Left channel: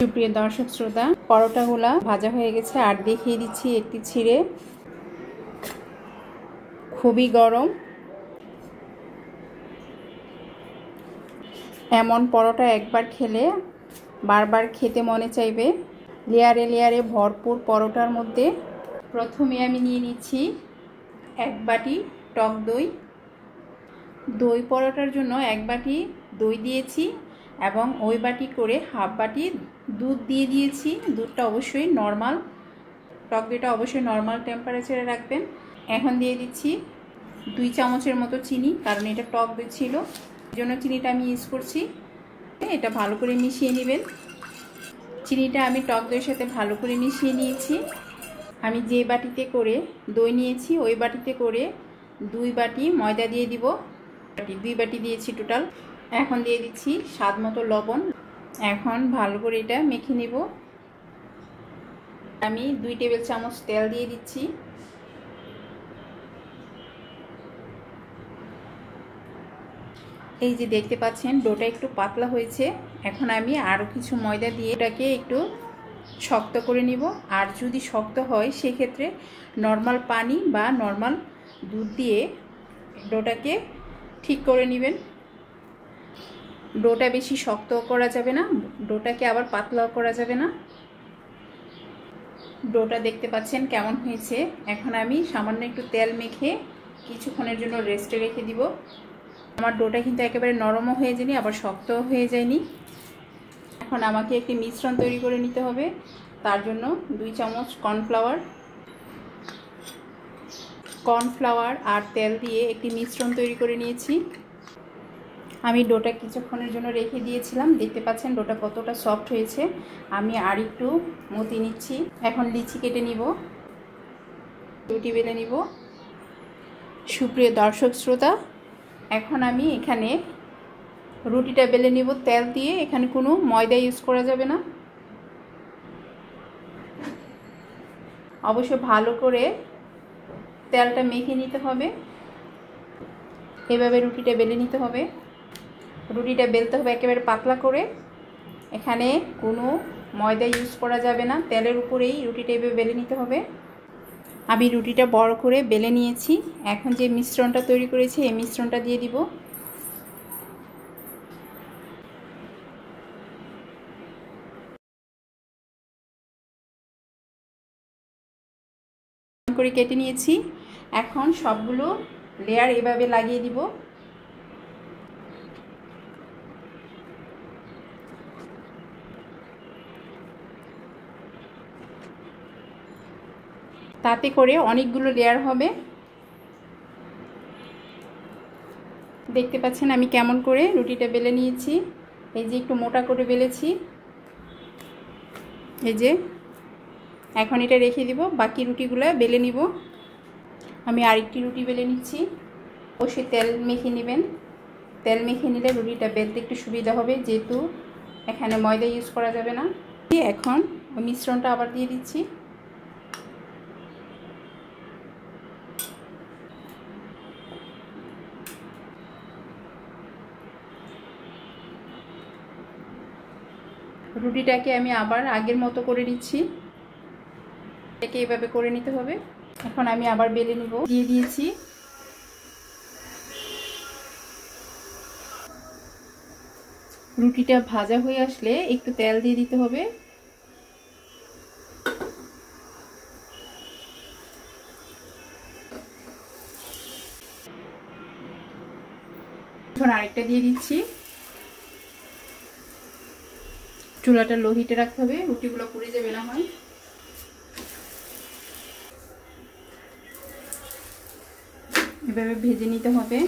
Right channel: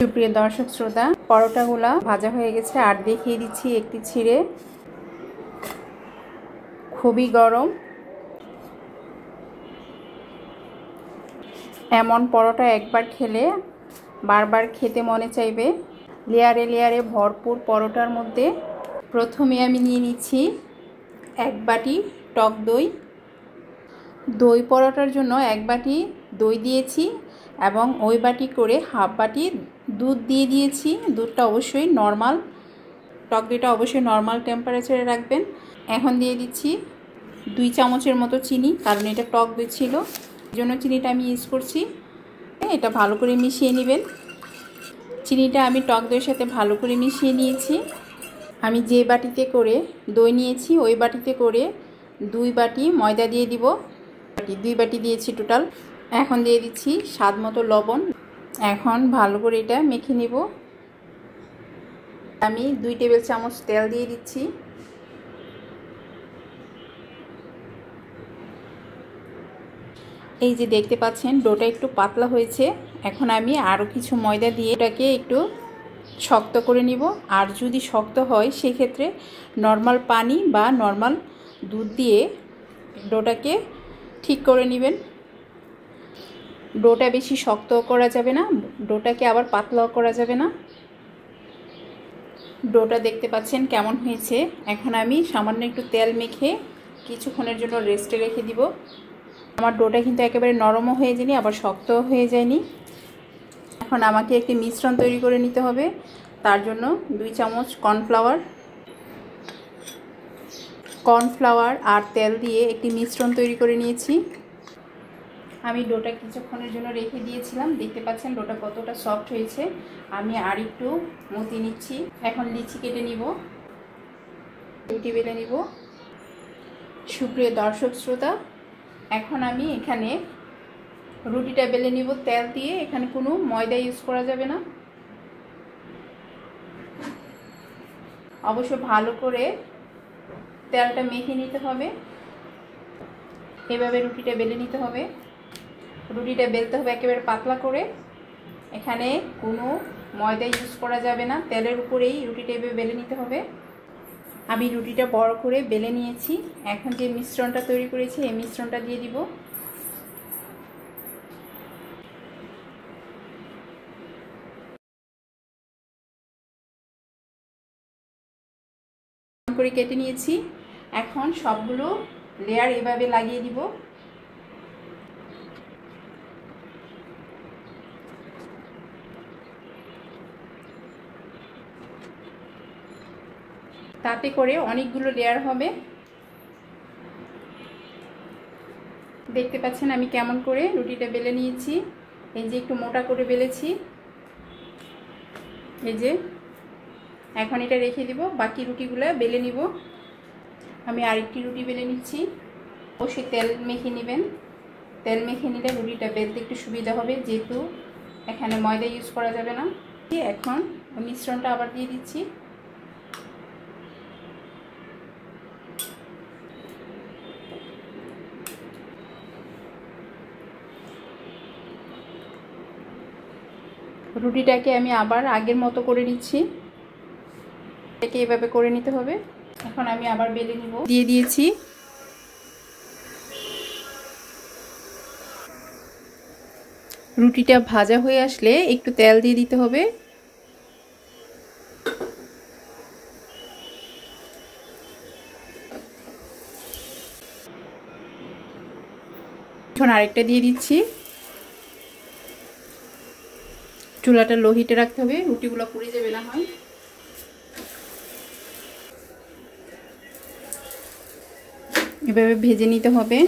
সুপ্রিয় দর্শক শ্রোতা, পরোটাগুলা ভাজা হয়ে গেছে আর দেখিয়ে দিচ্ছি একটি ছিঁড়ে। খুবই গরম। এমন পরোটা একবার খেলে বারবার খেতে মনে চাইবে। লেয়ারে লেয়ারে ভরপুর পরোটার মধ্যে প্রথমে আমি নিয়ে নিচ্ছি 1 বাটি টক দই। দই পরোটার জন্য 1 বাটি দই দিয়েছি এবং ওই বাটি করে হাফ বাটি দুধ দিয়ে দিয়েছি। দুধটা অবশ্যই নর্মাল, টক দইটা অবশ্যই নর্মাল টেম্পারেচারে রাখবেন। এখন দিয়ে দিচ্ছি 2 চামচের মতো চিনি, কারণ এটা টক দই ছিল, এই জন্য চিনিটা আমি ইউজ করছি। এটা ভালো করে মিশিয়ে নেবেন। চিনিটা আমি টক দইয়ের সাথে ভালো করে মিশিয়ে নিয়েছি। আমি যে বাটিতে করে দই নিয়েছি ওই বাটিতে করে 2 বাটি ময়দা দিয়ে দিব। 2 বাটি দিয়েছি টোটাল। এখন দিয়ে দিচ্ছি স্বাদ মতো লবণ। এখন ভালো করে এটা মেখে নিব। আমি 2 টেবিল চামচ তেল দিয়ে দিচ্ছি। এই যে দেখতে পাচ্ছেন ডোটা একটু পাতলা হয়েছে। এখন আমি আরও কিছু ময়দা দিয়ে এটাকে একটু শক্ত করে নিব। আর যদি শক্ত হয় সেক্ষেত্রে নর্মাল পানি বা নর্মাল দুধ দিয়ে ডোটাকে ঠিক করে নেবেন। ডোটা বেশি শক্ত করা যাবে না, ডোটাকে আবার পাতলাও করা যাবে না। ডোটা দেখতে পাচ্ছেন কেমন হয়েছে। এখন আমি সামান্য একটু তেল মেখে কিছুক্ষণের জন্য রেস্টে রেখে দিব। আমার ডোটা কিন্তু একেবারে নরমও হয়ে যায়নি আবার শক্তও হয়ে যায়নি। এখন আমাকে একটি মিশ্রণ তৈরি করে নিতে হবে। তার জন্য 2 চামচ কর্নফ্লাওয়ার আর তেল দিয়ে একটি মিশ্রণ তৈরি করে নিয়েছি। আমি ডোটা কিছুক্ষণের জন্য রেখে দিয়েছিলাম। দেখতে পাচ্ছেন ডোটা কতটা সফট হয়েছে। আমি আর একটু মতি নিচ্ছি। এখন লিচি কেটে নিব, রুটি বেলে নিব। সুপ্রিয় দর্শক শ্রোতা, এখন আমি এখানে রুটিটা বেলে নিব তেল দিয়ে। এখানে কোনো ময়দা ইউজ করা যাবে না। অবশ্যই ভালো করে তেলটা মেখে নিতে হবে। এভাবে রুটিটা বেলে নিতে হবে। রুটিটা বেলতে হবে একেবারে পাতলা করে। এখানে কোনো ময়দা ইউজ করা যাবে না, তেলের উপরেই রুটিটা এভাবে বেলে নিতে হবে। আমি রুটিটা বড় করে বেলে নিয়েছি। এখন যে মিশ্রণটা তৈরি করেছি এই মিশ্রণটা দিয়ে দিব। করে কেটে নিয়েছি। এখন সবগুলো লেয়ার এভাবে লাগিয়ে দিব। তাতে করে অনেকগুলো লেয়ার হবে। দেখতে পাচ্ছেন আমি কেমন করে রুটিটা বেলে নিয়েছি। এই যে একটু মোটা করে বেলেছি, এই যে। এখন এটা রেখে দিব, বাকি রুটিগুলো বেলে নিব। আমি আরেকটি রুটি বেলে নিচ্ছি। অবশ্যই তেল মেখে নেবেন। তেল মেখে নিলে রুটিটা বেলতে একটু সুবিধা হবে, যেহেতু এখানে ময়দা ইউজ করা যাবে না। এখন মিশ্রণটা আবার দিয়ে দিচ্ছি। রুটিটাকে আমি আবার আগের মতো করে নিচ্ছি। এটাকে এভাবে করে নিতে হবে। এখন আমি আবার বেলে নিব। দিয়ে দিয়েছি। রুটিটা ভাজা হয়ে আসলে একটু তেল দিয়ে দিতে হবে। এখন আরেকটা দিয়ে দিচ্ছি। চুলাটা লো হিটে রাখতে হবে, রুটিগুলো পুড়ে যাবে না হয়। এভাবে ভেজে নিতে হবে।